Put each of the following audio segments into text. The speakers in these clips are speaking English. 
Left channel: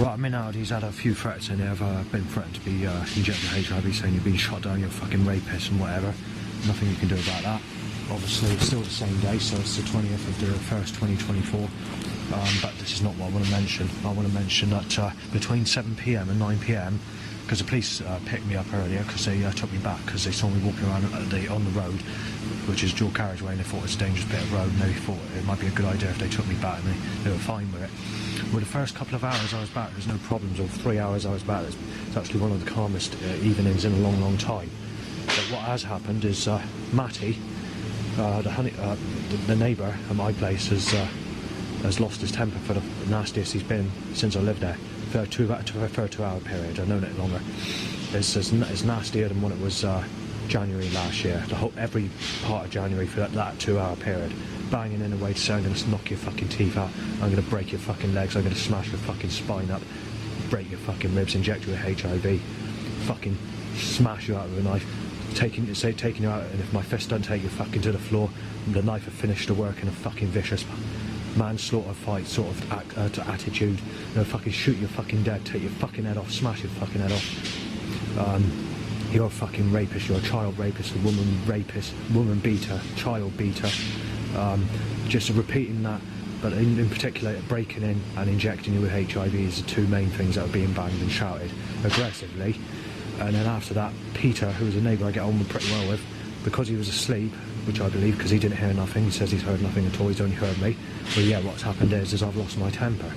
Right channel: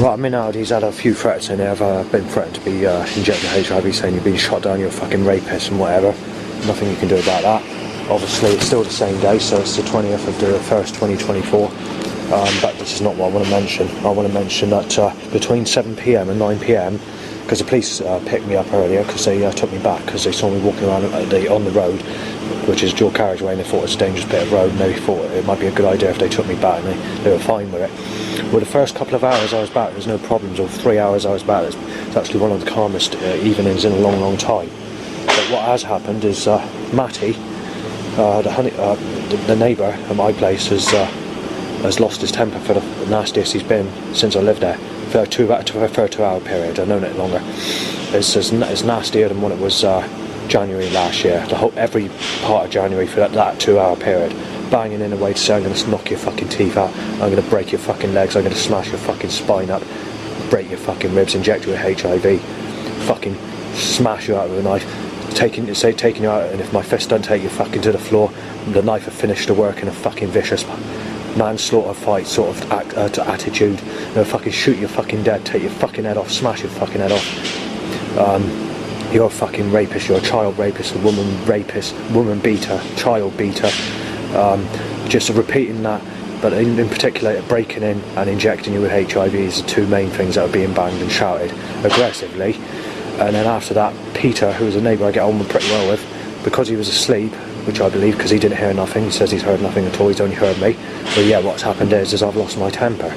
Right, I'm in out. He's had a few threats in there. I've been threatened to be injected with HIV, saying you've been shot down, you're a fucking rapist and whatever. Nothing you can do about that. Obviously, it's still the same day, so it's the 20th of the 1st, 2024. But this is not what I want to mention. I want to mention that between 7 PM and 9 PM, because the police picked me up earlier because they took me back because they saw me walking around on the road, which is dual carriageway, and they thought it was a dangerous bit of road, and they thought it might be a good idea if they took me back, and they were fine with it. Well, the first couple of hours I was back, there's no problems, or 3 hours I was back. It's actually one of the calmest evenings in a long, long time. But what has happened is Matty, the neighbour at my place, has lost his temper for the nastiest he's been since I lived there. For a 2 hour period, I've known it longer. It's nastier than what it was January last year. Every part of January for that 2 hour period. Banging in a way to say, I'm going to knock your fucking teeth out, I'm going to break your fucking legs, I'm going to smash your fucking spine up, break your fucking ribs, inject you with HIV, fucking smash you out with a knife, taking you out, and if my fist doesn't take you fucking to the floor, the knife will finish the work in a fucking vicious manslaughter fight sort of attitude. They'll fucking shoot you fucking dead, take your fucking head off, smash your fucking head off. You're a fucking rapist, you're a child rapist, a woman beater, child beater. Just repeating that, but in particular breaking in and injecting you with HIV is the two main things that are being banged and shouted aggressively. And then after that, Peter, who was a neighbour I get on with pretty well with, because he was asleep, which I believe because he didn't hear nothing, he says he's heard nothing at all, he's only heard me. Well, yeah, what's happened is I've lost my temper.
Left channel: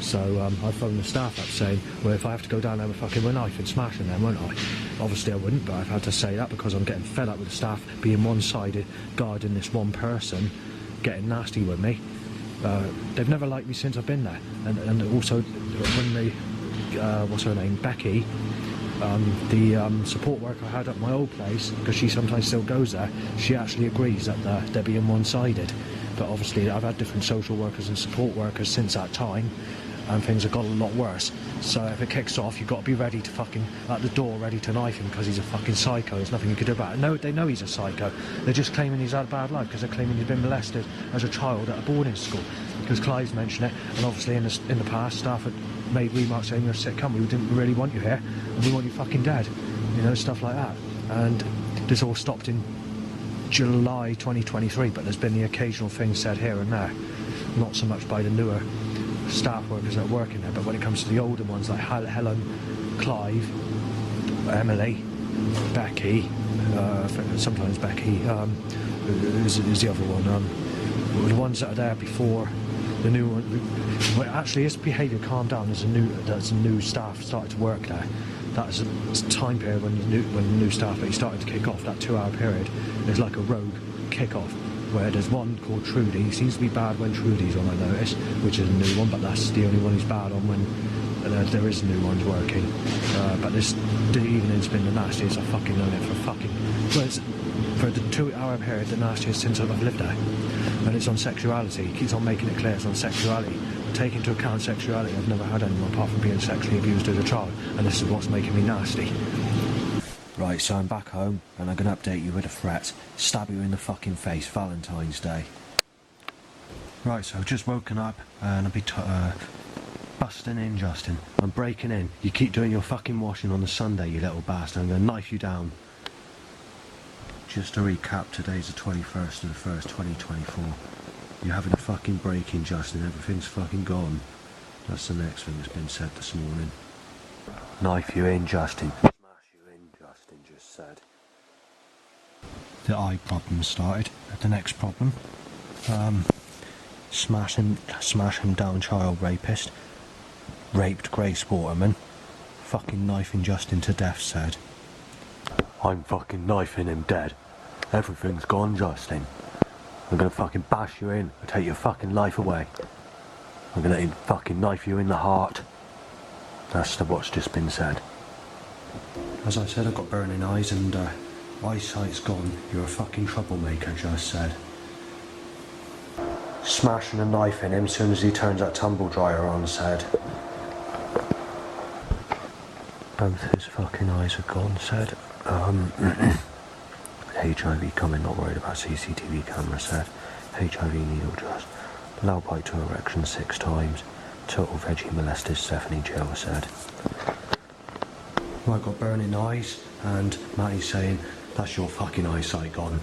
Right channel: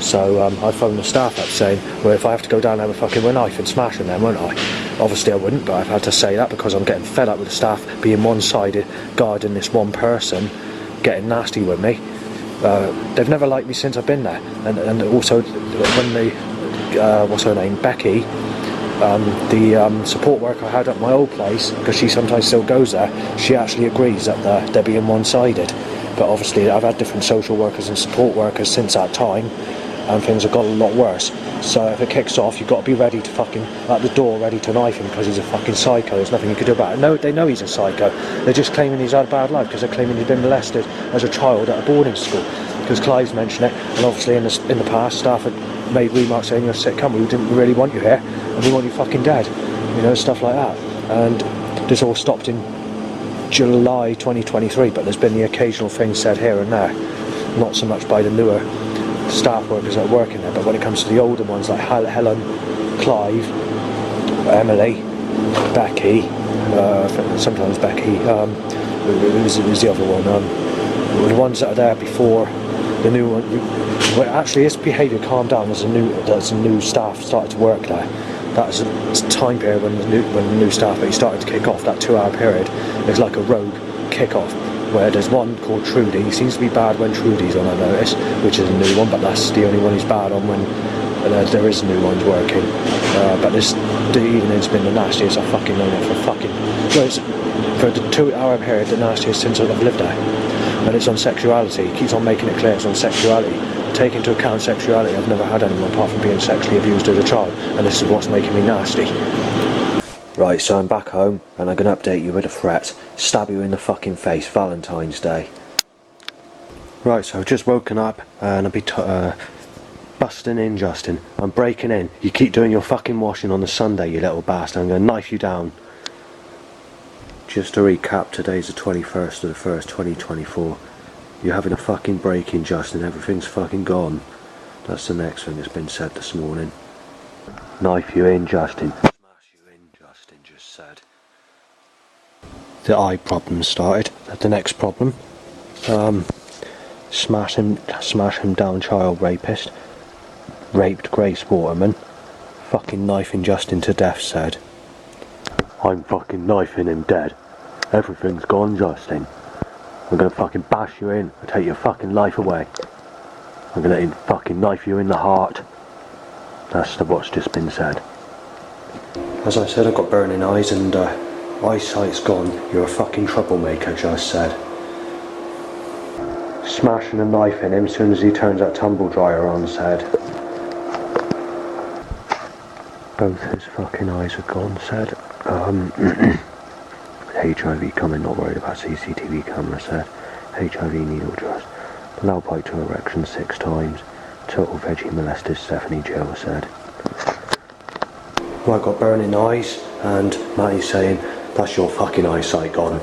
So I phoned the staff up saying, well, if I have to go down there with fucking a knife and smashing them, won't I? Obviously I wouldn't, but I've had to say that because I'm getting fed up with the staff being one-sided, guarding this one person, getting nasty with me. They've never liked me since I've been there. And also when what's her name, Becky, the support worker I had at my old place, because she sometimes still goes there, she actually agrees that they're being one-sided. But obviously I've had different social workers and support workers since that time, and things have got a lot worse. So if it kicks off, you've got to be ready to fucking, at the door, ready to knife him because he's a fucking psycho. There's nothing you can do about it. No, they know he's a psycho. They're just claiming he's had a bad life because they're claiming he's been molested as a child at a boarding school. Because Clive's mentioned it, and obviously in the past, staff had made remarks saying, you're a sick cunt, we didn't really want you here, and we want you fucking dead. You know, stuff like that. And this all stopped in July 2023, but there's been the occasional thing said here and there. Not so much by the newer staff workers that are working there, but when it comes to the older ones like Helen, Clive, Emily, Becky, sometimes Becky, who's the other one, the ones that are there before the new one. Well, actually his behaviour calmed down as a new staff started to work there. That was a time period when the new staff started to kick off. That 2 hour period is like a rogue kick-off, where there's one called Trudy. He seems to be bad when Trudy's on, I notice, which is a new one, but that's the only one he's bad on when there is new ones working. But the evening's been the nastiest I've fucking known it for the 2 hour period, the nastiest since I've lived there. And it's on sexuality. He keeps on making it clear it's on sexuality. Take into account sexuality, I've never had anyone apart from being sexually abused as a child, and this is what's making me nasty. Right, so I'm back home, and I'm going to update you with a threat. Stab you in the fucking face, Valentine's Day. Right, so I've just woken up, and I'll be busting in, Justin. I'm breaking in. You keep doing your fucking washing on the Sunday, you little bastard. I'm going to knife you down. Just to recap, today's the 21st of the 1st, 2024. You're having a fucking break-in, Justin. Everything's fucking gone. That's the next thing that's been said this morning. Knife you in, Justin. Smash you in, Justin just said. The eye problem started. The next problem. Smash him down, child rapist. Raped Grace Waterman. Fucking knifing Justin to death said. I'm fucking knifing him dead. Everything's gone, Justin. I'm gonna fucking bash you in and take your fucking life away. I'm gonna fucking knife you in the heart. That's what's just been said. As I said, I've got burning eyes and eyesight's gone. You're a fucking troublemaker, just said. Smashing a knife in him as soon as he turns that tumble dryer on, said. Both his fucking eyes are gone, said. HIV coming, not worried about CCTV camera, said. HIV needle just. Loud pipe to erection 6 times. Total veggie molested Stephanie Jill said. I got burning eyes, and Matty's saying, that's your fucking eyesight gone.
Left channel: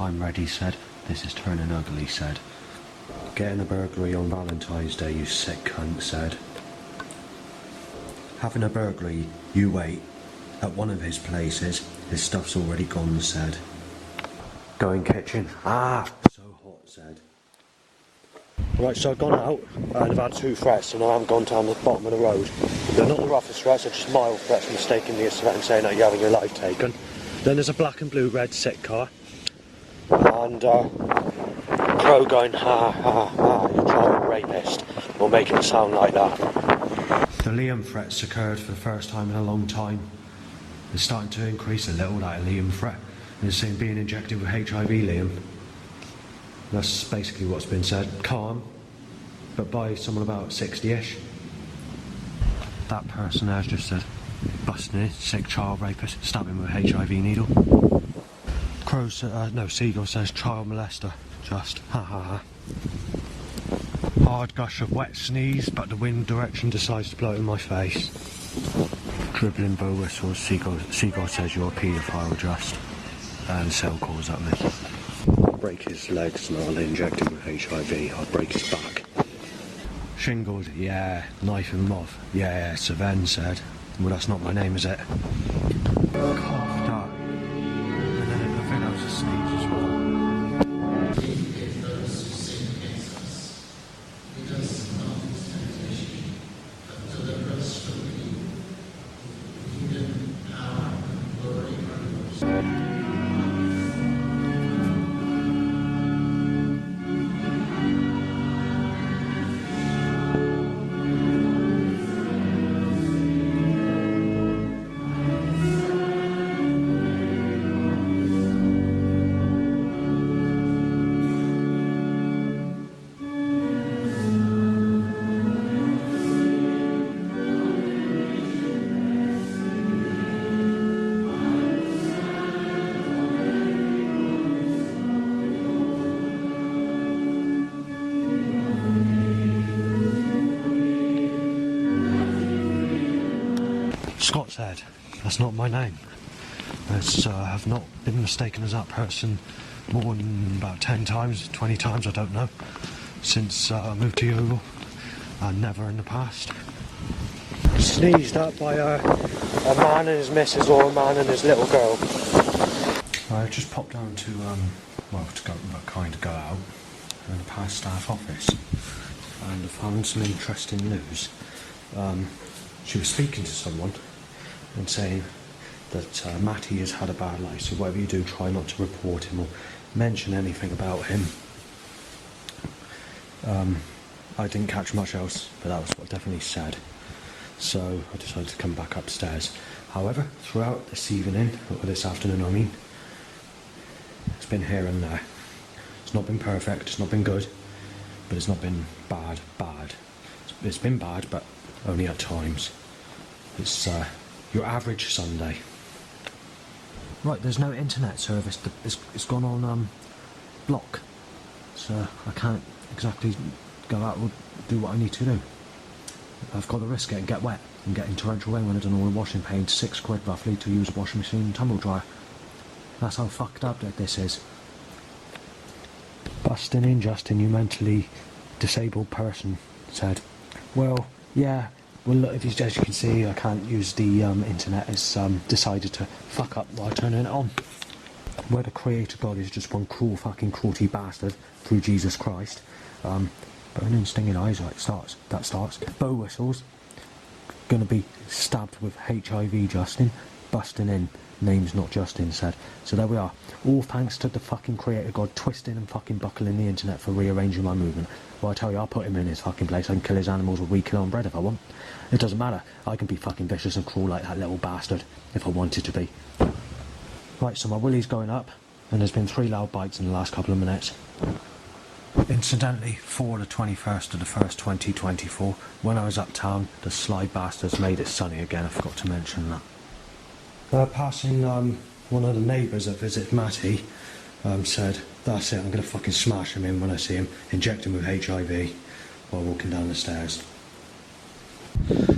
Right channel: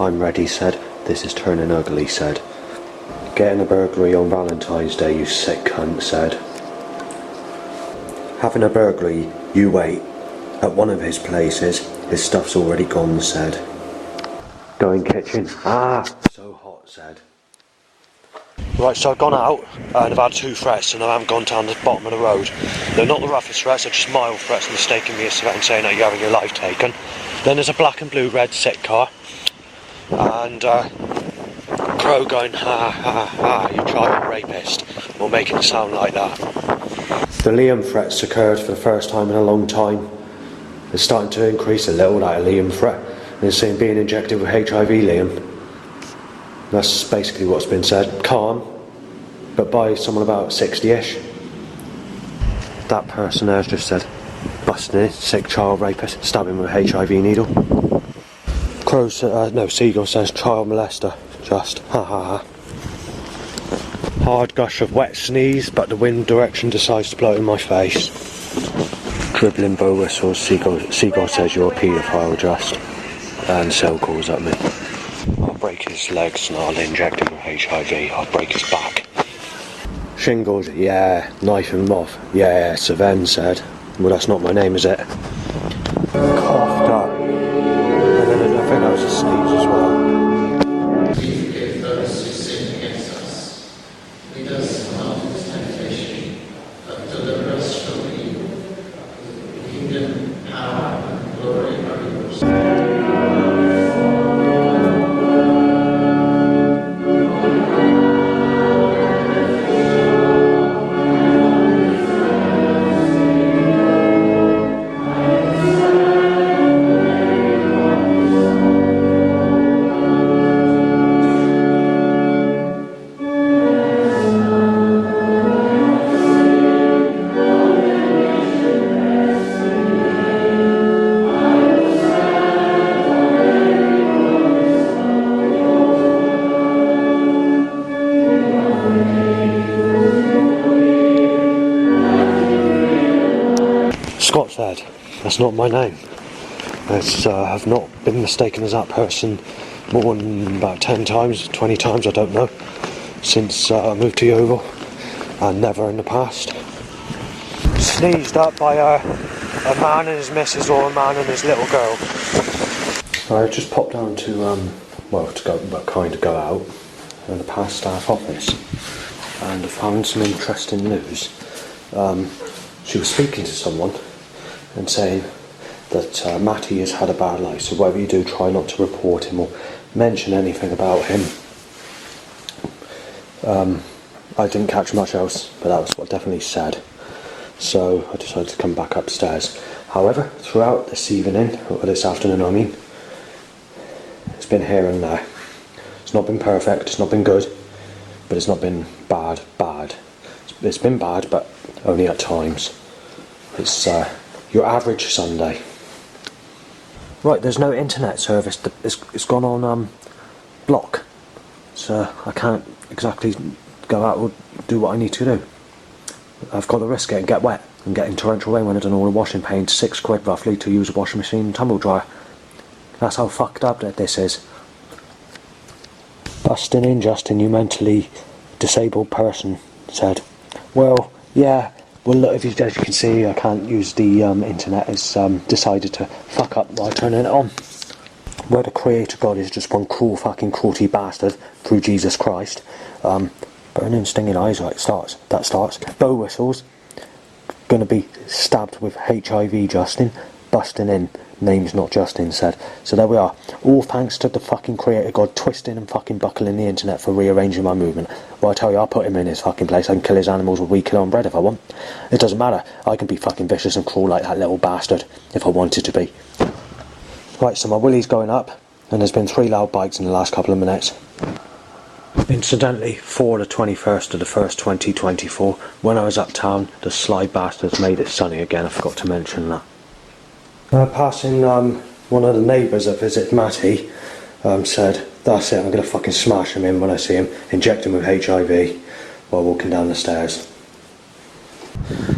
I'm ready said, this is turning ugly said. Getting a burglary on Valentine's Day, you sick cunt said. Having a burglary, you wait. At one of his places, his stuff's already gone said. Going kitchen, so hot said. Right, so I've gone out and I've had 2 threats and I haven't gone down the bottom of the road. They're not the roughest threats, they're just mild threats mistaking me as and saying that you're having your life taken. Then there's a black and blue red sick car and Crow going, ha ha ha, you child rapist, or making it sound like that. The Liam threats occurred for the first time in a long time. It's starting to increase a little, that Liam threat. And it's saying being injected with HIV, Liam. That's basically what's been said. Calm, but by someone about 60-ish. That person there's just said, busting in, sick child rapist, stabbing with a HIV needle. Crow Seagull says child molester, just, ha ha ha. Hard gush of wet sneeze, but the wind direction decides to blow it in my face. Dribbling bow whistles, Seagull says you're a paedophile just. And Cell calls at me. I'll break his legs and I'll inject him with HIV. I'll break his back. Shingles, yeah. Knife him off, yeah. Saven said. Well, that's not my name, is it? Coughed up. And then I think that was a sneeze as well. Scott said, that's not my name. I've not been mistaken as that person more than about 10 times, 20 times, I don't know, since I moved to Yeovil, and never in the past. Sneezed up by a man and his missus or a man and his little girl. I just popped down to go out in the past staff office, and I found some interesting news. She was speaking to someone and saying that Matty has had a bad life, so whatever you do, try not to report him or mention anything about him. I didn't catch much else, but that was what definitely said. So I decided to come back upstairs. However, throughout this evening, or this afternoon I mean, it's been here and there. It's not been perfect, it's not been good, but it's not been bad. It's been bad, but only at times. It's your average Sunday. Right, there's no internet service. It's gone on block, so I can't exactly go out or do what I need to do. I've got to risk it and get wet and getting torrential rain when I've done all the washing, paying £6 roughly to use a washing machine and tumble dryer. That's how fucked up that this is. Busting in, Justin, you mentally disabled person said. Well, yeah. Well, look, as you can see, I can't use the internet. It's decided to fuck up while turning it on. Where the Creator God is just one cruel fucking cruelty bastard through Jesus Christ. Burning, stinging eyes, right, that starts. Bow whistles. Gonna be stabbed with HIV, Justin. Busting in. Name's not Justin said. So there we are. All thanks to the fucking Creator God twisting and fucking buckling the internet for rearranging my movement. Well, I tell you, I'll put him in his fucking place. I can kill his animals with wheat killer on bread if I want. It doesn't matter. I can be fucking vicious and cruel like that little bastard if I wanted to be. Right, so my willy's going up, and there's been 3 loud bites in the last couple of minutes. Incidentally, for the 21st of the 1st, 2024, when I was uptown, the sly bastards made it sunny again. I forgot to mention that. Passing one of the neighbours that visit Matty said That's it, I'm going to fucking smash him in when I see him, inject him with HIV while walking down the stairs.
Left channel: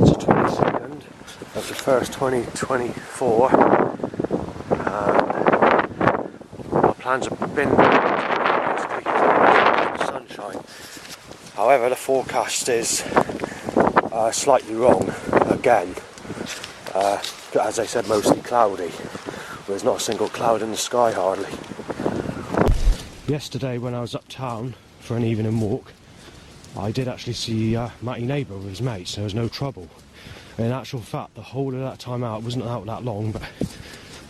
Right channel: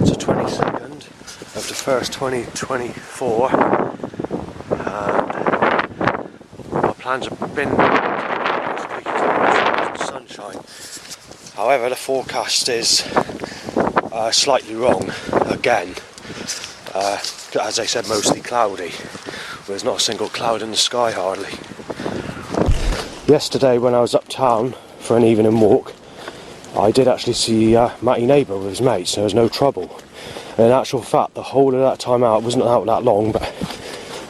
So 22nd of the 1st 2024, and my plans have been taking sunshine. However, the forecast is slightly wrong again. As I said, mostly cloudy. There's not a single cloud in the sky hardly. Yesterday when I was uptown for an evening walk, I did actually see Matty Neighbour with his mates, so there was no trouble. And in actual fact, the whole of that time out, wasn't out that long, but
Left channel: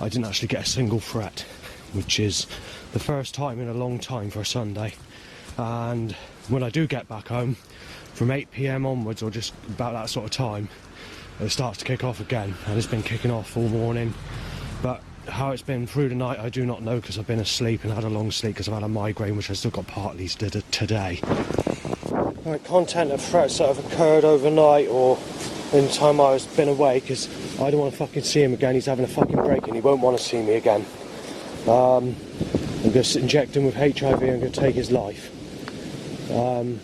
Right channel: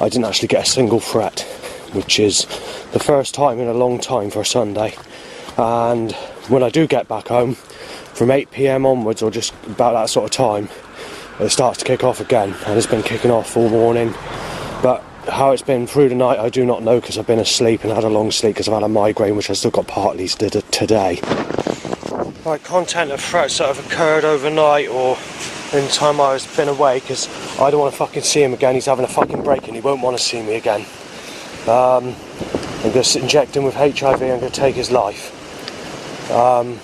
I didn't actually get a single threat, which is the first time in a long time for a Sunday. And when I do get back home, from 8 PM onwards, or just about that sort of time, it starts to kick off again, and it's been kicking off all morning. But how it's been through the night, I do not know, because I've been asleep and had a long sleep because I've had a migraine, which I still got partly today. Right, content of threats that have occurred overnight or in the time I've been away, because I don't want to fucking see him again. He's having a fucking break and he won't want to see me again. I'm going to inject him with HIV, I'm going to take his life. And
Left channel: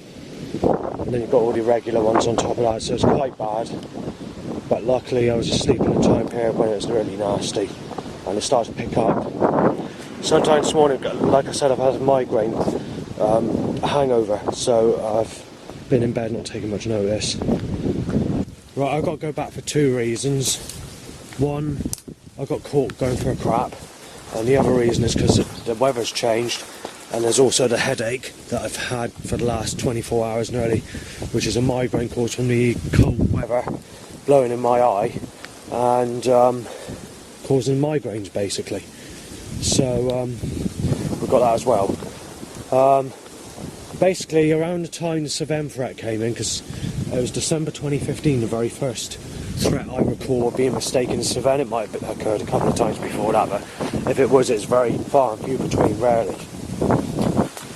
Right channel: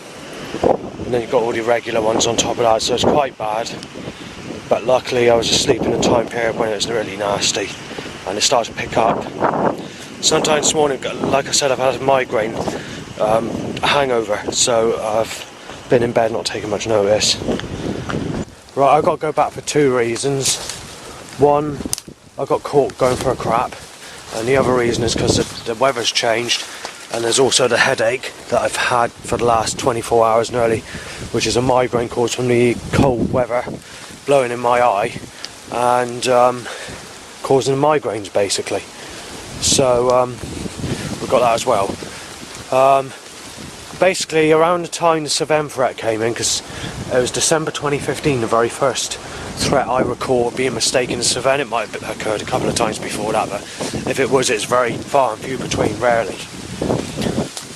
then you've got all the regular ones on top of that, so it's quite bad. But luckily I was asleep in a time period when it was really nasty, and it started to pick up. Sometime this morning, like I said, I've had a migraine, a hangover, so I've been in bed not taking much notice. Right, I've got to go back for two reasons. One, I got caught going for a crap, and the other reason is because the weather's changed, and there's also the headache that I've had for the last 24 hours nearly, which is a migraine caused from the cold weather blowing in my eye and causing migraines basically. So we've got that as well. Basically around the time the Cevennes threat came in, because it was December 2015, the very first threat I recall being mistaken as Cevennes. It might have occurred a couple of times before that, but if it was, it's very far and few between, rarely.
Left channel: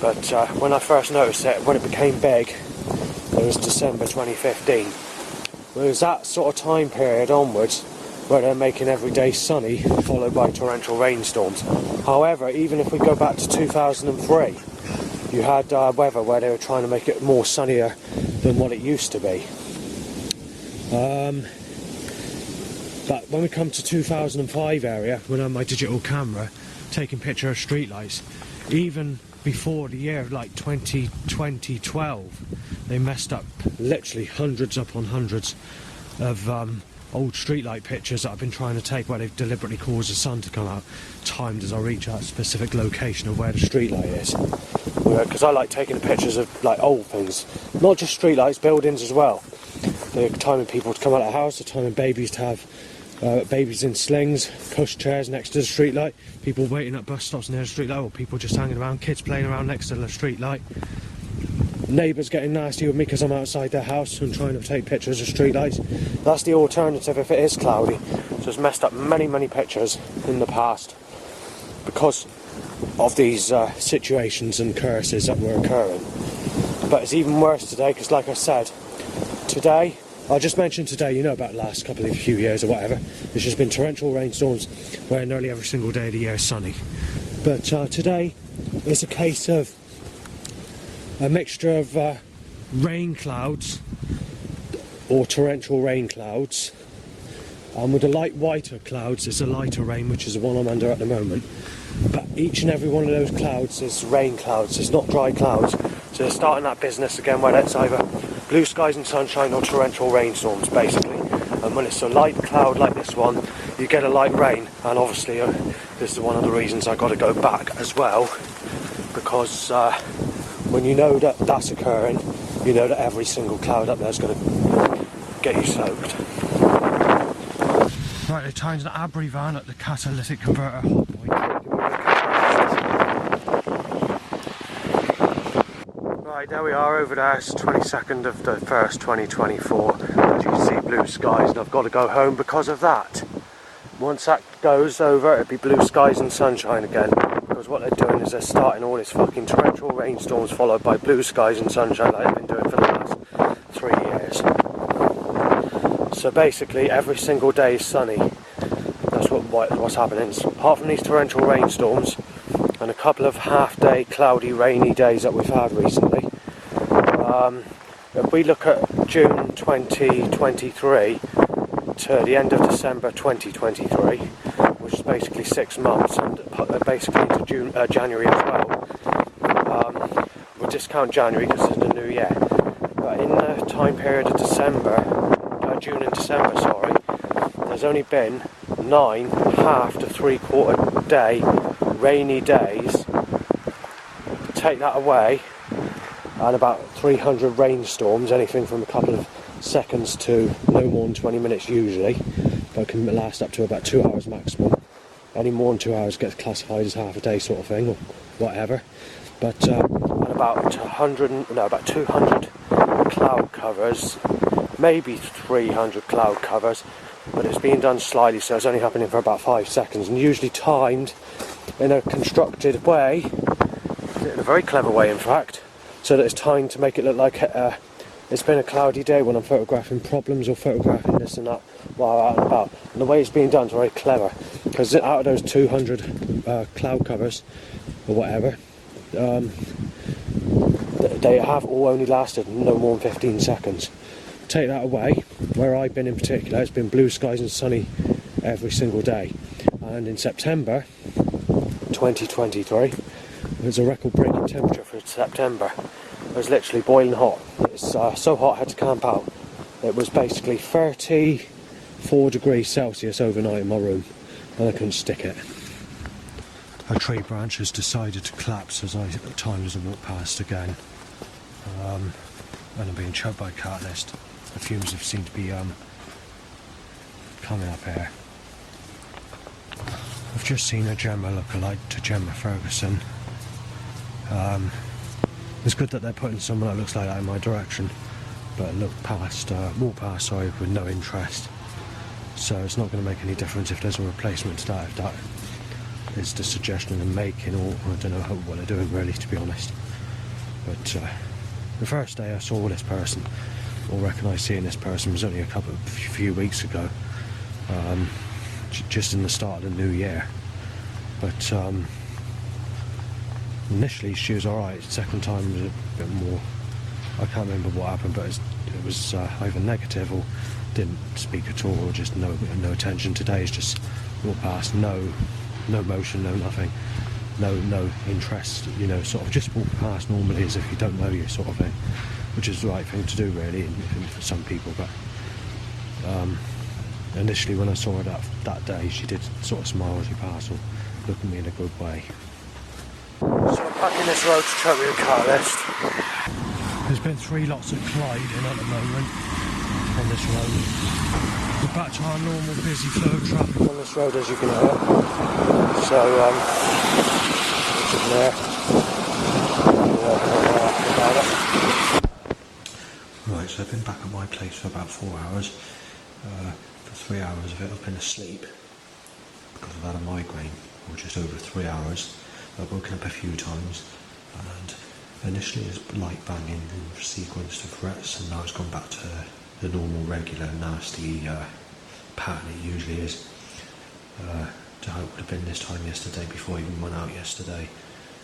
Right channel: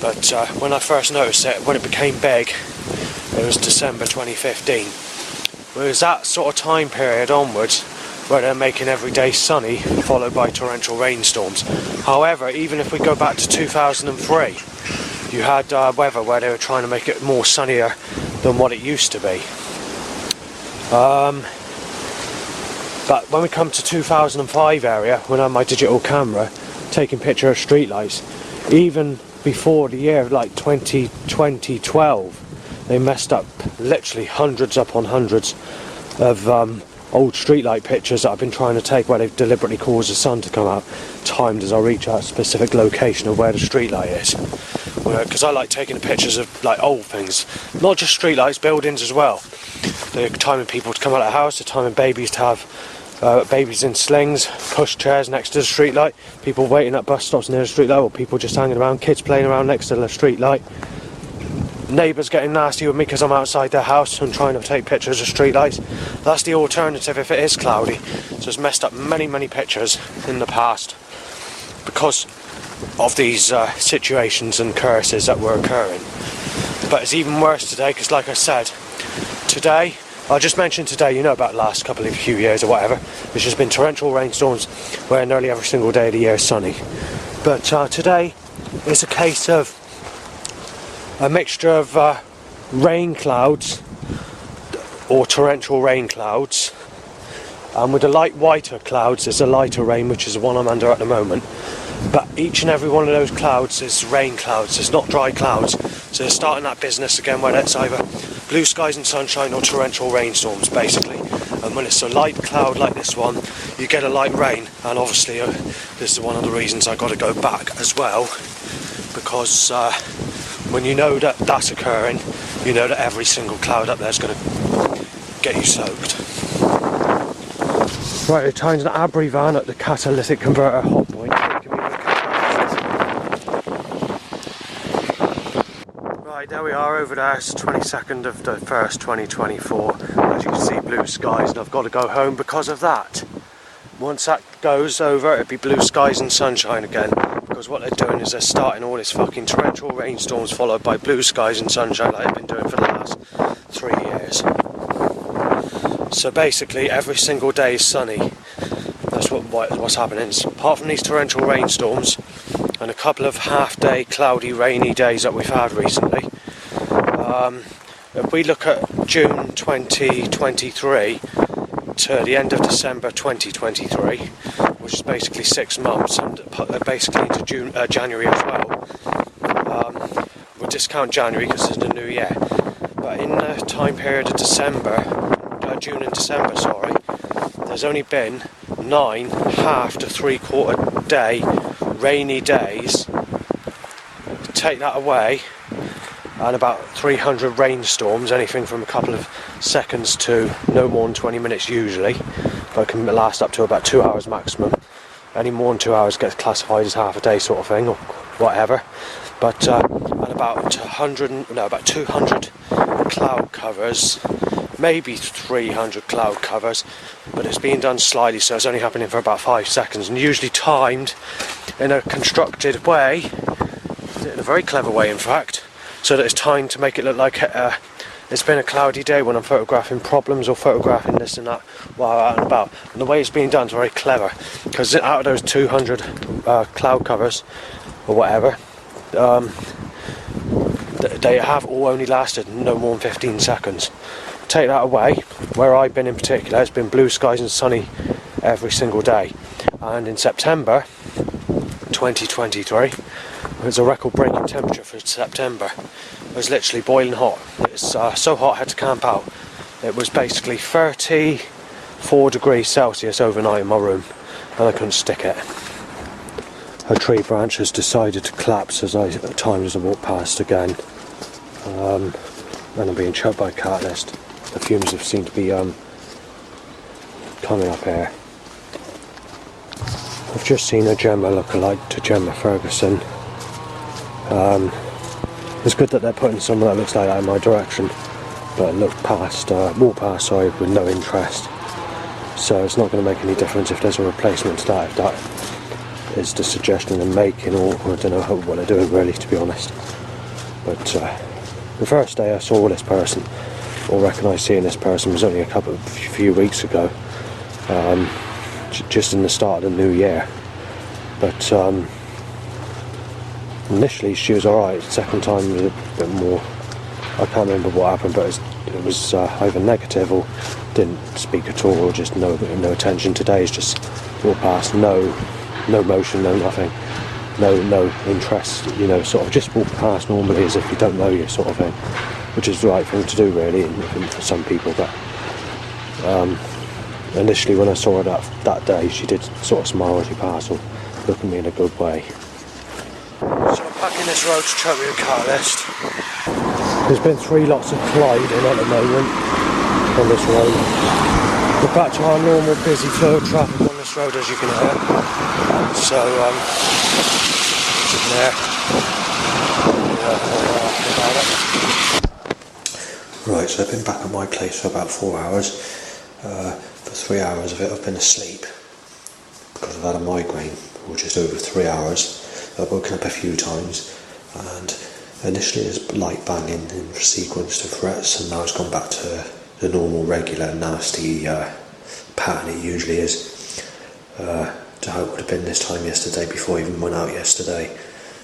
But when I first noticed it, when it became big, it was December 2015. It was that sort of time period onwards where they're making every day sunny, followed by torrential rainstorms. However, even if we go back to 2003, you had weather where they were trying to make it more sunnier than what it used to be. But when we come to 2005 area, when I had my digital camera taking picture of streetlights, even before the year like 2012, they messed up literally hundreds upon hundreds of old streetlight pictures that I've been trying to take, where they've deliberately caused the sun to come out, timed as I reach out a specific location of where the streetlight is. Because I like taking the pictures of like old things, not just streetlights, buildings as well. They're timing people to come out of the house, they're timing babies to have babies in slings, push chairs next to the streetlight, people waiting at bus stops near the streetlight, or people just hanging around, kids playing around next to the streetlight. Neighbours getting nasty with me because I'm outside their house and trying to take pictures of streetlights. That's the alternative if it is cloudy. So it's messed up many pictures in the past because of these situations and curses that were occurring. But it's even worse today because, like I said, today, I just mentioned today, you know about the last few years or whatever, there's just been torrential rainstorms where nearly every single day of the year is sunny. But today it's a case of a mixture of rain clouds or torrential rain clouds, and with the light whiter clouds there's a lighter rain, which is the one I'm under at the moment, but each and every one of those clouds is rain clouds, it's not dry clouds. So they're starting that business again where it's either blue skies and sunshine or torrential rainstorms basically, and when it's a light cloud like this one you get a light rain. And obviously this is one of the reasons I got to go back as well, because when you know that that's occurring, you know that every single cloud up there is going to get you soaked. Right, the time's an Abri van at the catalytic converter hot point. Right, there we are over there. It's 22nd of the 1st, 2024. As you can see, blue skies, and I've got to go home because of that. Once that goes over, it'll be blue skies and sunshine again. Because what they're doing is they're starting all this fucking torrential rainstorms followed by blue skies and sunshine like they've been doing for the last 3 years. So basically every single day is sunny. That's what's happening. Apart from these torrential rainstorms, and a couple of half-day cloudy rainy days that we've had recently. If we look at June 2023 to the end of December 2023, which is basically 6 months, and basically into January as well. We'll discount January because it's the new year. But in the time period of June and December, there's only been 9 half to 3/4 day rainy days. Take that away, and about 300 rainstorms, anything from a couple of seconds to no more than 20 minutes usually, but can last up to about 2 hours maximum. Any more than 2 hours gets classified as half a day sort of thing, or whatever. But and about 200 cloud covers, maybe 300 cloud covers, but it's being done slightly, so it's only happening for about 5 seconds, and usually timed in a constructed way, in a very clever way in fact, so that it's timed to make it look like it's been a cloudy day when I'm photographing problems or photographing this and that while out and about. And the way it's being done is very clever, because out of those 200 cloud covers or whatever, they have all only lasted no more than 15 seconds. Take that away, where I've been in particular, it's been blue skies and sunny every single day. And in September 2023, it was a record-breaking temperature for September. It was literally boiling hot. It's so hot I had to camp out. It was basically 34 degrees Celsius overnight in my room, and I couldn't stick it. A tree branch has decided to collapse at times as I walk past again. And I'm being choked by a cat nest. The fumes have seemed to be coming up here. I've just seen a Gemma look-alike to Gemma Ferguson. It's good that they're putting someone that looks like that in my direction, but walk past, with no interest. So it's not going to make any difference if there's a replacement to that, if that is the suggestion they're making, or I don't know what they're doing really, to be honest. But the first day I saw this person, or recognised seeing this person, was only a few weeks ago, just in the start of the new year. But initially she was alright. Second time was a bit more, I can't remember what happened, but it was either negative or didn't speak at all, or just no attention. Today is just walk past, no motion, no nothing, no interest, sort of just walk past normally as if you don't know you, sort of thing, which is the right thing to do really for some people. But initially when I saw her that day, she did sort of smile as she passed, or look at me in a good way. So I'm back in this road to Choteward car list. There's been 3 lots of colliding at the moment on this road. We're back to our normal busy flow of traffic on this road, as you can hear. So, there. Right, so I've been back at my place for about 4 hours. For 3 hours of it I've been asleep because I've had a migraine, or just over 3 hours. I've woken up a few times, and initially it was light banging in sequence of threats, and now it's gone back to the normal, regular, nasty pattern it usually is. To how it would have been this time yesterday, before I even went out yesterday.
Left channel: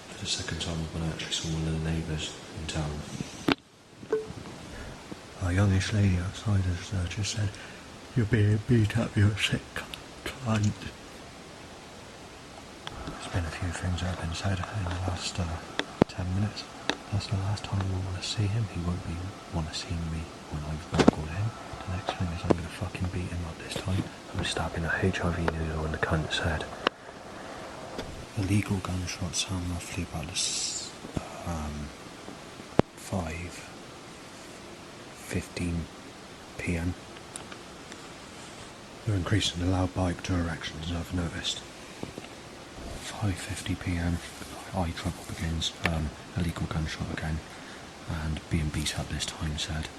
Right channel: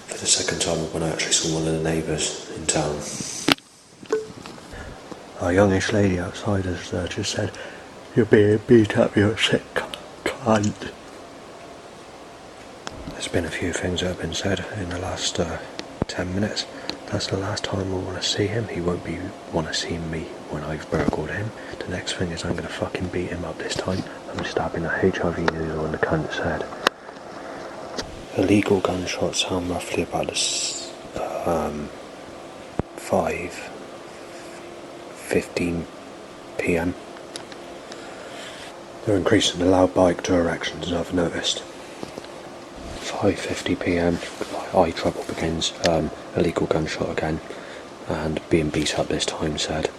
For the second time when I actually saw one of the neighbours in town. A youngish lady outside has just said, "You're being beat up, you're sick cunt." There's been a few things that have been said in the last 10 minutes. That's the last time we'll want to see him. He won't want to see me when I've burgled him. The next thing is I'm going to fucking beat him up this time. I'm stabbing a HIV needle in the cunt's head. Illegal gunshots sound roughly about 5:15 PM. They're increasing the loud bike directions, I've noticed. 5:50 PM, eye trouble begins, illegal gunshot again, and being beat up this time said.